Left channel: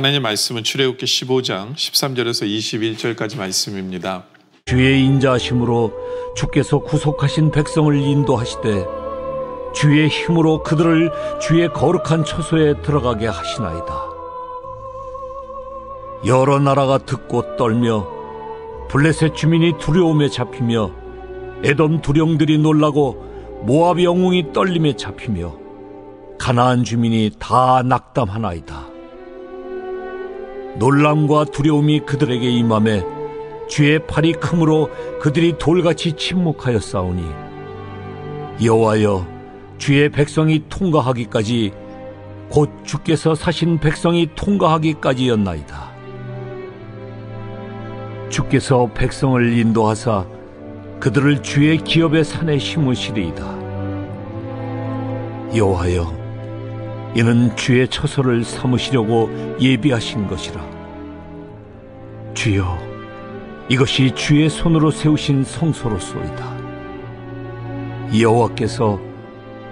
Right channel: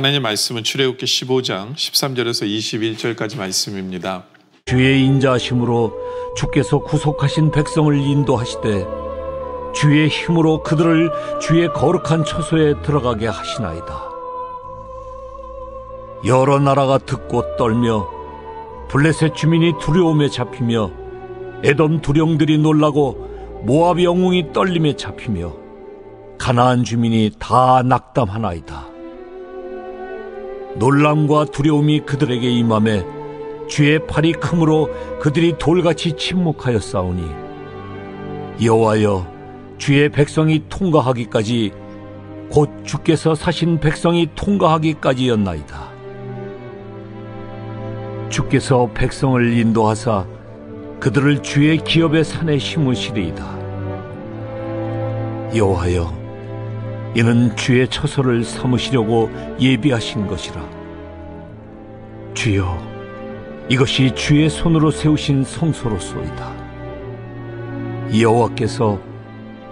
오늘 하나님의 말씀은 출애굽기 15장 13절에서 21절까지 말씀입니다. 주의 인자하심으로 주께서 구속하신 백성을 인도하시되 주의 힘으로 그들을 주의 거룩한 처소에 들어가게 하시나이다. 여러 나라가 듣고 떨며 블레셋 주민이 두려움에 잡히며 에돔 두령들이 놀라고 모압 영웅이 떨림에 잡히며 가나안 주민이 다 낙담하나이다. 놀람과 두려움이 그들에게 임하매 주의 팔이 크므로 그들이 돌같이 침묵하여 싸우니 여호와여 주의 백성이 통과하기까지 곧 주께서 사신 백성이 통과하기까지였나이다. 주께서 백성을 인도하사 그들을 주의 기업의 산에 심으시리이다. 여호와여 이는 주의 처소를 삼으시려고 예비하신 것이라. 주여 이것이 주의 손으로 세우신 성소로소이다. 여호와께서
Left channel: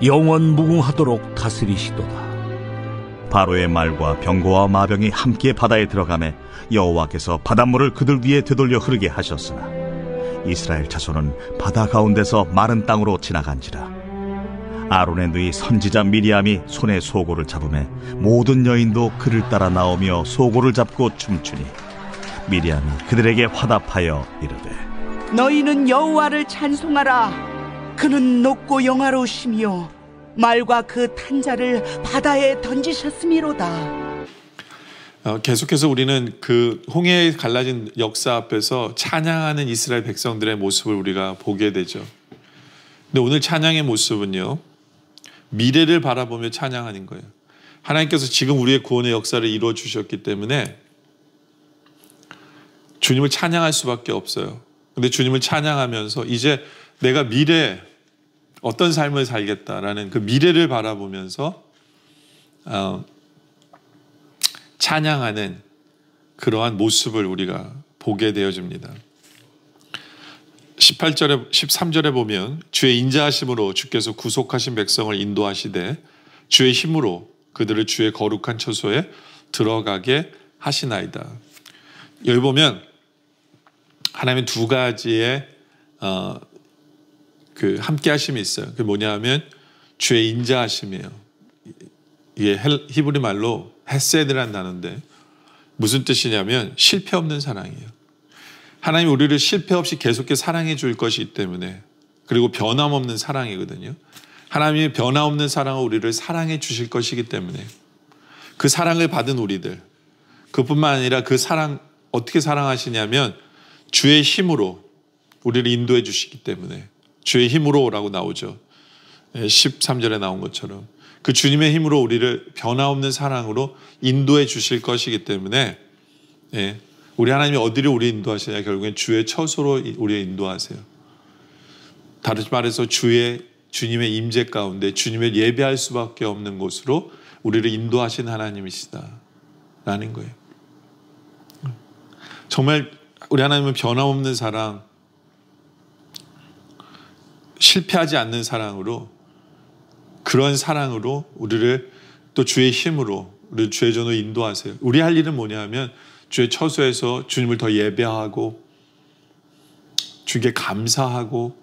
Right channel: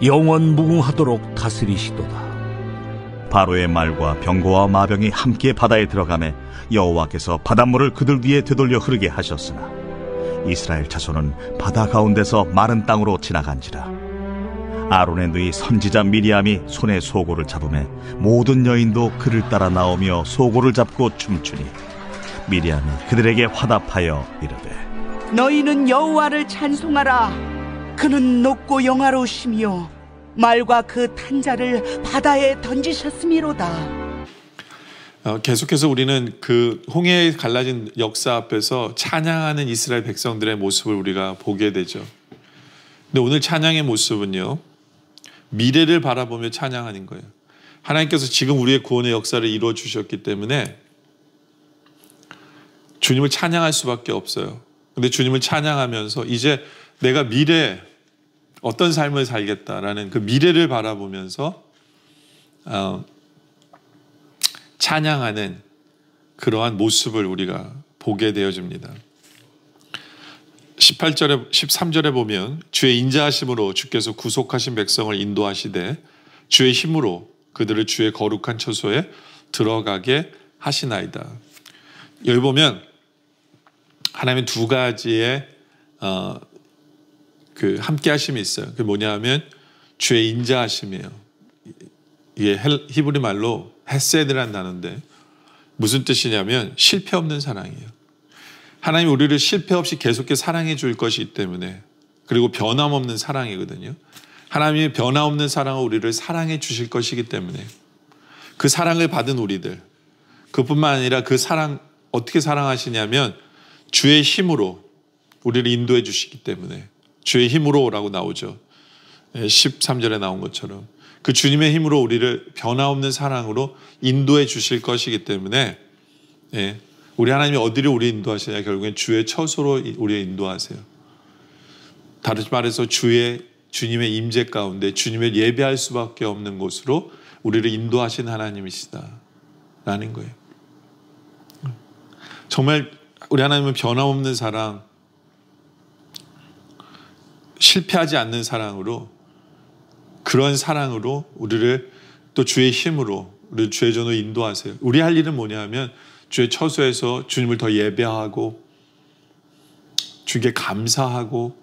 영원 무궁하도록 다스리시도다. 바로의 말과 병거와 마병이 함께 바다에 들어가매 여호와께서 바닷물을 그들 위에 되돌려 흐르게 하셨으나 이스라엘 자손은 바다 가운데서 마른 땅으로 지나간지라. 아론의 누이 선지자 미리암이 손에 소고를 잡으매 모든 여인도 그를 따라 나오며 소고를 잡고 춤추니 미리암이 그들에게 화답하여 이르되 너희는 여호와를 찬송하라. 그는 높고 영화로우시며 말과 그 탄자를 바다에 던지셨음이로다. 계속해서 우리는 그 홍해에 갈라진 역사 앞에서 찬양하는 이스라엘 백성들의 모습을 우리가 보게 되죠. 근데 오늘 찬양의 모습은요, 미래를 바라보며 찬양하는 거예요. 하나님께서 지금 우리의 구원의 역사를 이루어 주셨기 때문에 주님을 찬양할 수밖에 없어요. 근데 주님을 찬양하면서 이제 내가 미래에 어떤 삶을 살겠다라는 그 미래를 바라보면서 찬양하는 그러한 모습을 우리가 보게 되어집니다. 13절에 보면 주의 인자하심으로 주께서 구속하신 백성을 인도하시되 주의 힘으로 그들을 주의 거룩한 처소에 들어가게 하시나이다. 여기 보면 하나님의 두 가지의 그 함께 하심이 있어요. 그게 뭐냐면 주의 인자하심이에요. 이게 히브리 말로 헤세드라는 단어인데 무슨 뜻이냐면 실패 없는 사랑이에요. 하나님 우리를 실패 없이 계속해서 사랑해 줄 것이기 때문에, 그리고 변함없는 사랑이거든요. 하나님이 변함없는 사랑으로 우리를 사랑해 주실 것이기 때문에 그 사랑을 받은 우리들, 그뿐만 아니라 그 사랑 어떻게 사랑하시냐면 주의 힘으로 우리를 인도해 주시기 때문에, 주의 힘으로라고 나오죠. 13절에 나온 것처럼 그 주님의 힘으로 우리를 변함없는 사랑으로 인도해 주실 것이기 때문에 우리 하나님이 어디를 우리 인도하시냐? 결국엔 주의 처소로 우리를 인도하세요. 다르게 말해서 주님의 임재 가운데 주님을 예배할 수밖에 없는 곳으로 우리를 인도하신 하나님이시다라는 거예요. 정말 우리 하나님은 변함없는 사랑, 실패하지 않는 사랑으로, 그런 사랑으로 우리를 또 주의 힘으로 우리를 주의 전으로 인도하세요. 우리 할 일은 뭐냐 하면 주의 처소에서 주님을 더 예배하고 주님께 감사하고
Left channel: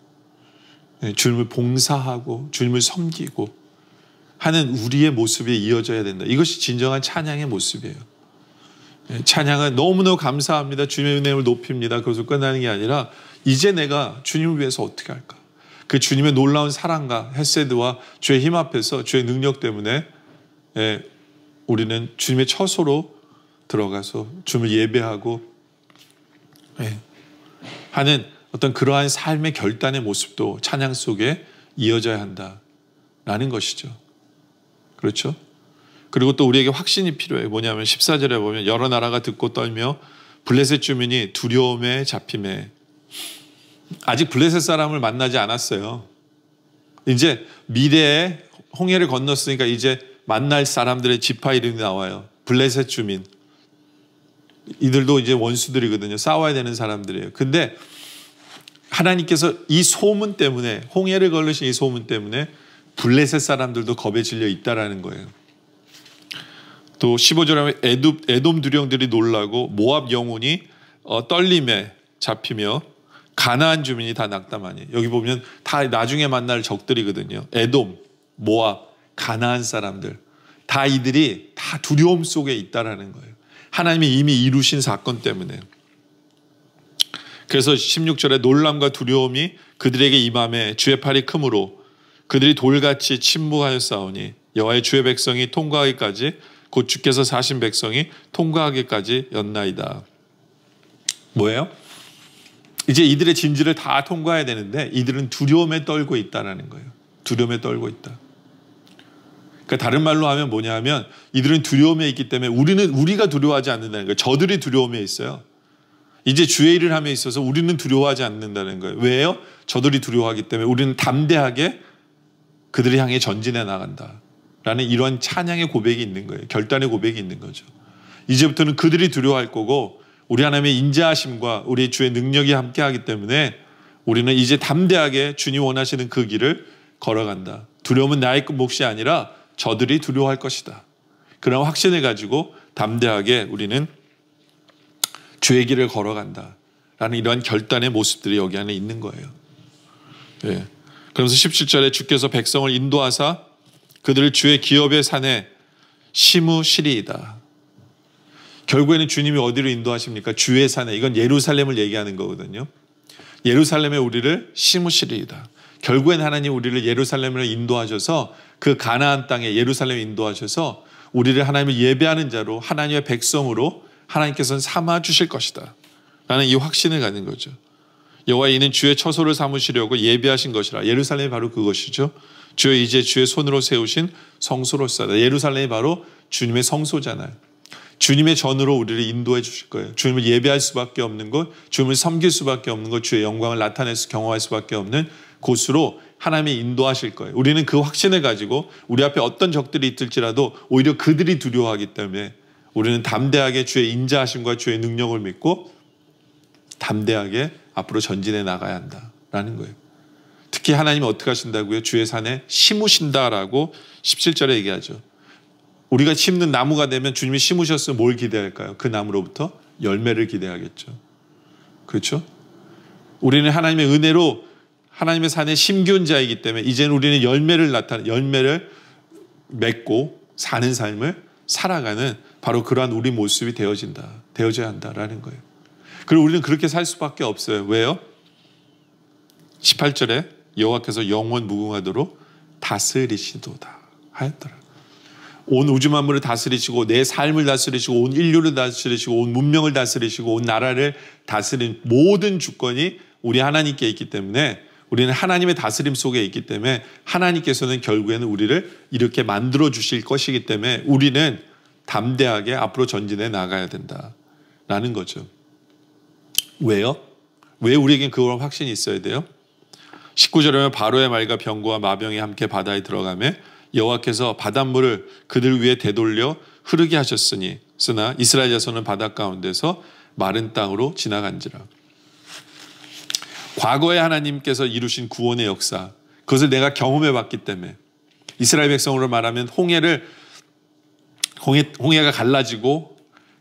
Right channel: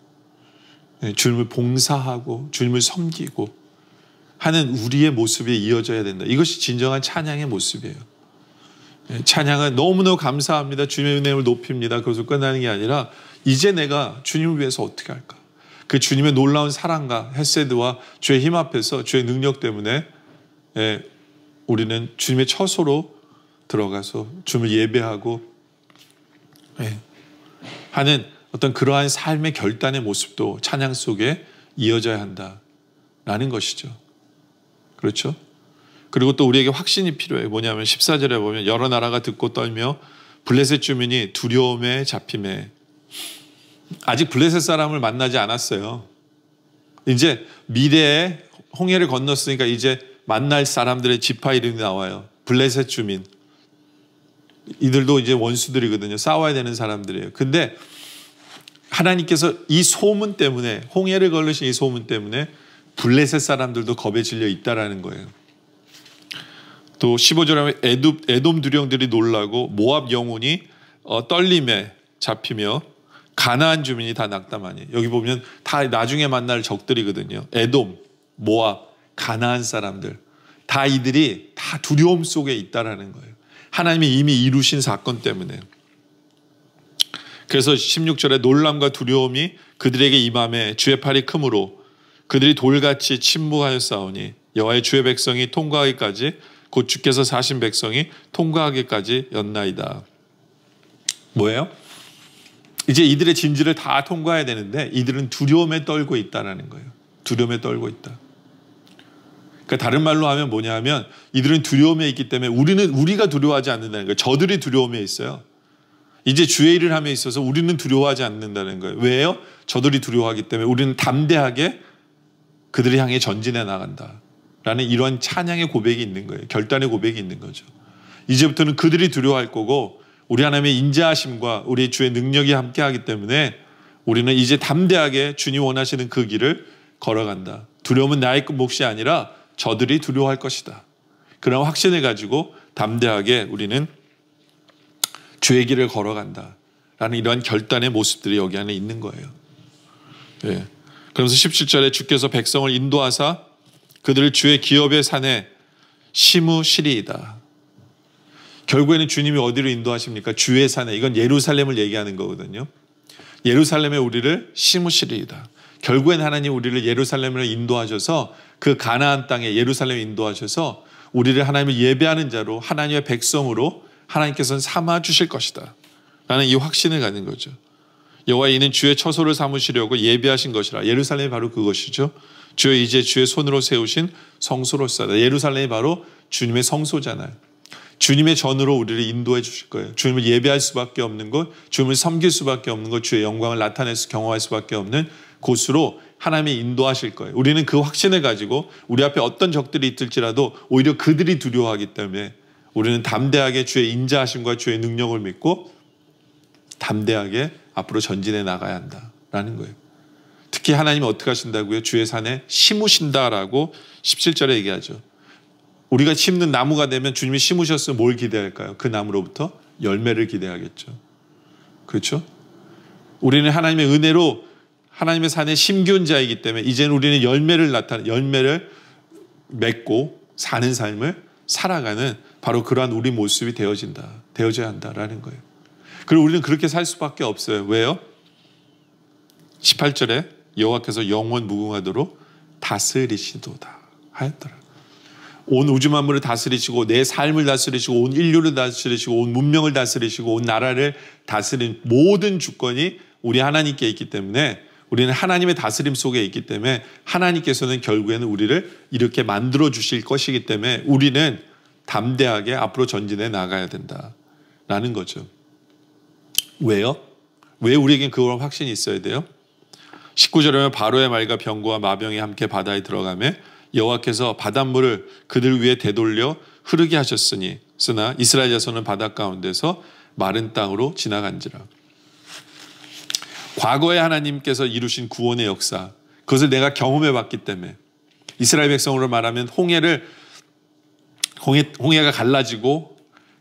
주님을 봉사하고 주님을 섬기고 하는 우리의 모습이 이어져야 된다. 이것이 진정한 찬양의 모습이에요. 찬양은 너무너무 감사합니다. 주님의 은혜를 높입니다. 그것으로 끝나는 게 아니라 이제 내가 주님을 위해서 어떻게 할까? 그 주님의 놀라운 사랑과 헤세드와 주의 힘 앞에서 주의 능력 때문에 우리는 주님의 처소로 들어가서 주님을 예배하고 하는 어떤 그러한 삶의 결단의 모습도 찬양 속에 이어져야 한다라는 것이죠. 그렇죠? 그리고 또 우리에게 확신이 필요해요. 뭐냐면 14절에 보면 여러 나라가 듣고 떨며 블레셋 주민이 두려움에 잡힘에, 아직 블레셋 사람을 만나지 않았어요. 이제 미래에 홍해를 건넜으니까 이제 만날 사람들의 지파 이름이 나와요. 블레셋 주민. 이들도 이제 원수들이거든요. 싸워야 되는 사람들이에요. 근데 하나님께서 이 소문 때문에, 홍해를 걸으신 이 소문 때문에 블레셋 사람들도 겁에 질려 있다라는 거예요. 또 15절에 하면 에돔 두령들이 놀라고 모압 영혼이 떨림에 잡히며 가나안 주민이 다 낙담하니. 여기 보면 다 나중에 만날 적들이거든요. 에돔, 모압, 가나안 사람들. 다 이들이 다 두려움 속에 있다라는 거예요. 하나님이 이미 이루신 사건 때문에. 그래서 16절에 놀람과 두려움이 그들에게 임함에 주의 팔이 크므로 그들이 돌같이 침묵하였사오니 여호와의 주의 백성이 통과하기까지 곧 주께서 사신 백성이 통과하기까지 였나이다. 뭐예요? 이제 이들의 진지를 다 통과해야 되는데 이들은 두려움에 떨고 있다는 거예요. 두려움에 떨고 있다. 그러니까 다른 말로 하면 뭐냐 하면 이들은 두려움에 있기 때문에 우리가 두려워하지 않는다는 거예요. 저들이 두려움에 있어요. 이제 주의 일을 함에 있어서 우리는 두려워하지 않는다는 거예요. 왜요? 저들이 두려워하기 때문에 우리는 담대하게 그들을 향해 전진해 나간다 라는 이런 찬양의 고백이 있는 거예요. 결단의 고백이 있는 거죠. 이제부터는 그들이 두려워할 거고 우리 하나님의 인자하심과 우리 주의 능력이 함께하기 때문에 우리는 이제 담대하게 주님 원하시는 그 길을 걸어간다. 두려움은 나의 몫이 아니라 저들이 두려워할 것이다. 그런 확신을 가지고 담대하게 우리는 주의 길을 걸어간다 라는 이러한 결단의 모습들이 여기 안에 있는 거예요. 예. 그러면서 17절에 주께서 백성을 인도하사 그들을 주의 기업의 산에 심으시리이다. 결국에는 주님이 어디로 인도하십니까? 주의 산에. 이건 예루살렘을 얘기하는 거거든요. 예루살렘에 우리를 심으시리이다. 결국엔 하나님 우리를 예루살렘으로 인도하셔서 그 가나안 땅에 예루살렘에 인도하셔서 우리를 하나님을 예배하는 자로 하나님의 백성으로 하나님께서는 삼아 주실 것이다 라는 이 확신을 갖는 거죠. 여호와 이는 주의 처소를 삼으시려고 예비하신 것이라. 예루살렘이 바로 그것이죠. 주여 이제 주의 손으로 세우신 성소로서다. 예루살렘이 바로 주님의 성소잖아요. 주님의 전으로 우리를 인도해 주실 거예요. 주님을 예배할 수밖에 없는 곳, 주님을 섬길 수밖에 없는 곳, 주의 영광을 나타내서 경험할 수밖에 없는 곳으로 하나님이 인도하실 거예요. 우리는 그 확신을 가지고 우리 앞에 어떤 적들이 있을지라도 오히려 그들이 두려워하기 때문에 우리는 담대하게 주의 인자하심과 주의 능력을 믿고 담대하게 앞으로 전진해 나가야 한다라는 거예요. 특히 하나님이 어떻게 하신다고요? 주의 산에 심으신다라고 17절에 얘기하죠. 우리가 심는 나무가 되면 주님이 심으셨으면 뭘 기대할까요? 그 나무로부터 열매를 기대하겠죠. 그렇죠? 우리는 하나님의 은혜로 하나님의 산에 심기운 자이기 때문에 이제는 우리는 열매를 맺고 사는 삶을 살아가는 바로 그러한 우리 모습이 되어져야 한다라는 거예요. 그리고 우리는 그렇게 살 수밖에 없어요. 왜요? 18절에 여호와께서 영원 무궁하도록 다스리시도다 하였더라. 온 우주 만물을 다스리시고 내 삶을 다스리시고 온 인류를 다스리시고 온 문명을 다스리시고 온 나라를 다스린 모든 주권이 우리 하나님께 있기 때문에 우리는 하나님의 다스림 속에 있기 때문에 하나님께서는 결국에는 우리를 이렇게 만들어 주실 것이기 때문에 우리는 담대하게 앞으로 전진해 나가야 된다라는 거죠. 왜요? 왜 우리에겐 그런 확신이 있어야 돼요? 19절에 보면 바로의 말과 병거와 마병이 함께 바다에 들어가매 여호와께서 바닷물을 그들 위에 되돌려 흐르게 하셨으니 쓰나 이스라엘 자손은 바다 가운데서 마른 땅으로 지나간지라. 과거에 하나님께서 이루신 구원의 역사, 그것을 내가 경험해 봤기 때문에 이스라엘 백성으로 말하면 홍해가 갈라지고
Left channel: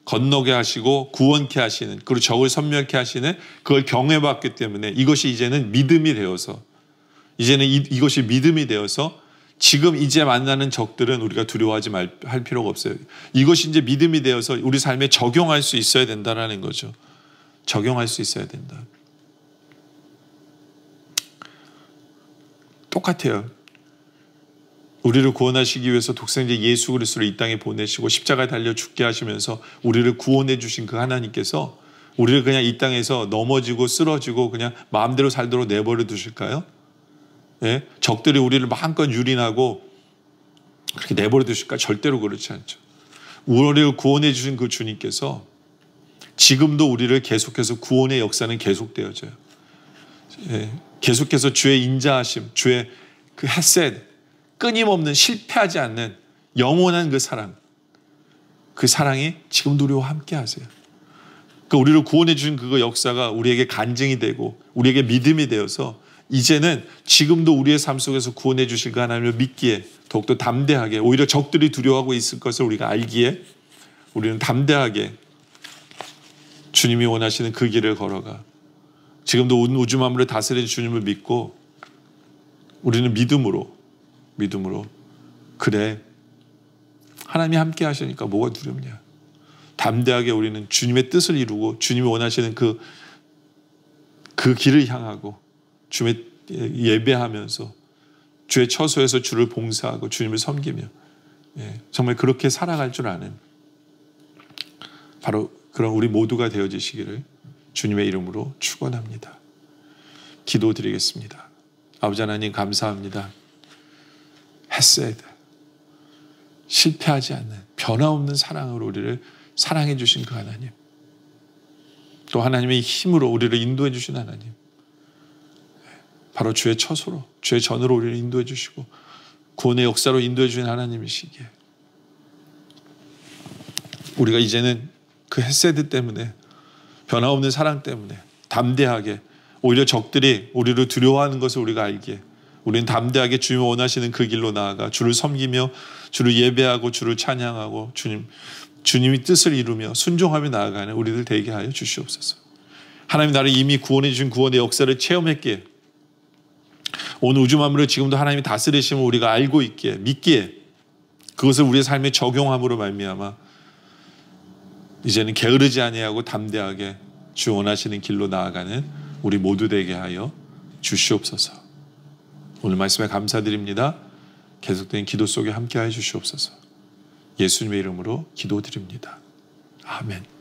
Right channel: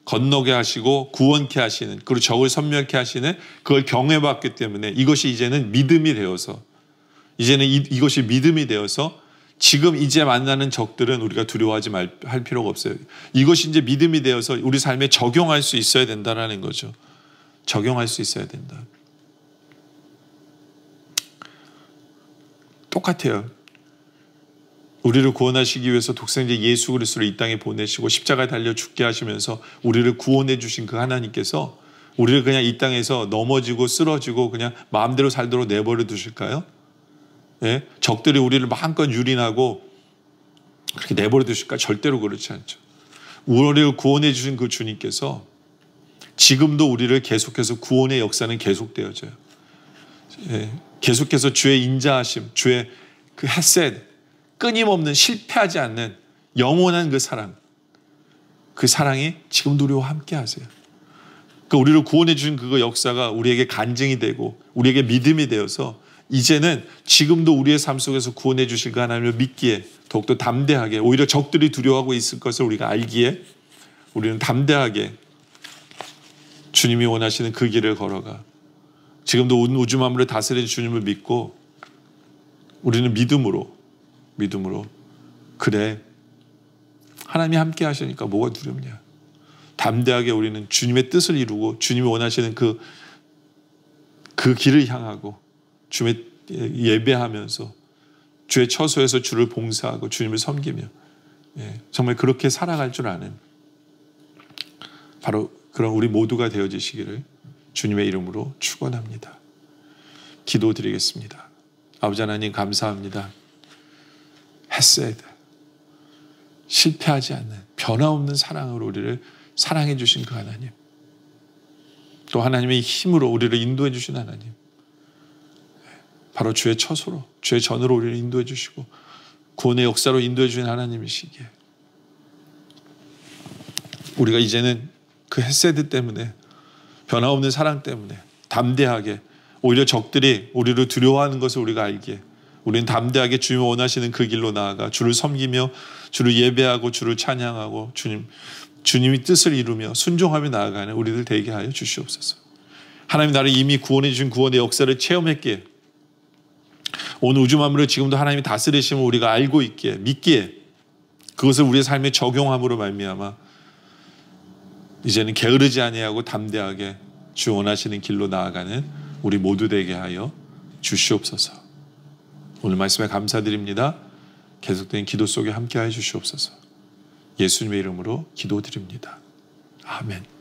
건너게 하시고 구원케 하시는, 그리고 적을 섬멸케 하시는 그걸 경험해 봤기 때문에 이것이 이제는 믿음이 되어서 이것이 믿음이 되어서 지금 이제 만나는 적들은 우리가 두려워하지 할 필요가 없어요. 이것이 이제 믿음이 되어서 우리 삶에 적용할 수 있어야 된다는 거죠. 적용할 수 있어야 된다. 똑같아요. 우리를 구원하시기 위해서 독생자 예수 그리스도를 이 땅에 보내시고 십자가에 달려 죽게 하시면서 우리를 구원해 주신 그 하나님께서 우리를 그냥 이 땅에서 넘어지고 쓰러지고 그냥 마음대로 살도록 내버려 두실까요? 예? 적들이 우리를 마음껏 유린하고 그렇게 내버려 두실까? 절대로 그렇지 않죠. 우리를 구원해 주신 그 주님께서 지금도 우리를 계속해서 구원의 역사는 계속되어져요. 예? 계속해서 주의 인자하심, 주의 그 헤셋, 끊임없는 실패하지 않는 영원한 그 사랑이 지금도 우리와 함께 하세요. 그러니까 우리를 구원해 주신 그 역사가 우리에게 간증이 되고 우리에게 믿음이 되어서 이제는 지금도 우리의 삶 속에서 구원해 주실 그 하나님을 믿기에 더욱더 담대하게, 오히려 적들이 두려워하고 있을 것을 우리가 알기에 우리는 담대하게 주님이 원하시는 그 길을 걸어가 지금도 온 우주 만물을 다스리는 주님을 믿고 우리는 믿음으로 그래, 하나님이 함께 하시니까 뭐가 두렵냐. 담대하게 우리는 주님의 뜻을 이루고 주님이 원하시는 그 길을 향하고 주님의 예배하면서 주의 처소에서 주를 봉사하고 주님을 섬기며 정말 그렇게 살아갈 줄 아는 바로 그런 우리 모두가 되어지시기를 주님의 이름으로 축원합니다. 기도드리겠습니다. 아버지 하나님 감사합니다. 헤세드, 실패하지 않는 변화없는 사랑으로 우리를 사랑해 주신 그 하나님, 또 하나님의 힘으로 우리를 인도해 주신 하나님, 바로 주의 처소로, 주의 전으로 우리를 인도해 주시고 구원의 역사로 인도해 주신 하나님이시기에 우리가 이제는 그 헤세드 때문에, 변화없는 사랑 때문에 담대하게, 오히려 적들이 우리를 두려워하는 것을 우리가 알기에 우리는 담대하게 주님이 원하시는 그 길로 나아가 주를 섬기며 주를 예배하고 주를 찬양하고 주님이 뜻을 이루며 순종하며 나아가는 우리들 되게 하여 주시옵소서. 하나님 나를 이미 구원해 주신 구원의 역사를 체험했기에 온 우주 만물을 지금도 하나님이 다스리심을 우리가 알고 있기에, 믿기에 그것을 우리의 삶에 적용함으로 말미암아 이제는 게으르지 아니하고 담대하게 주 원하시는 길로 나아가는 우리 모두 되게 하여 주시옵소서. 오늘 말씀에 감사드립니다. 계속된 기도 속에 함께하여 주시옵소서. 예수님의 이름으로 기도드립니다. 아멘.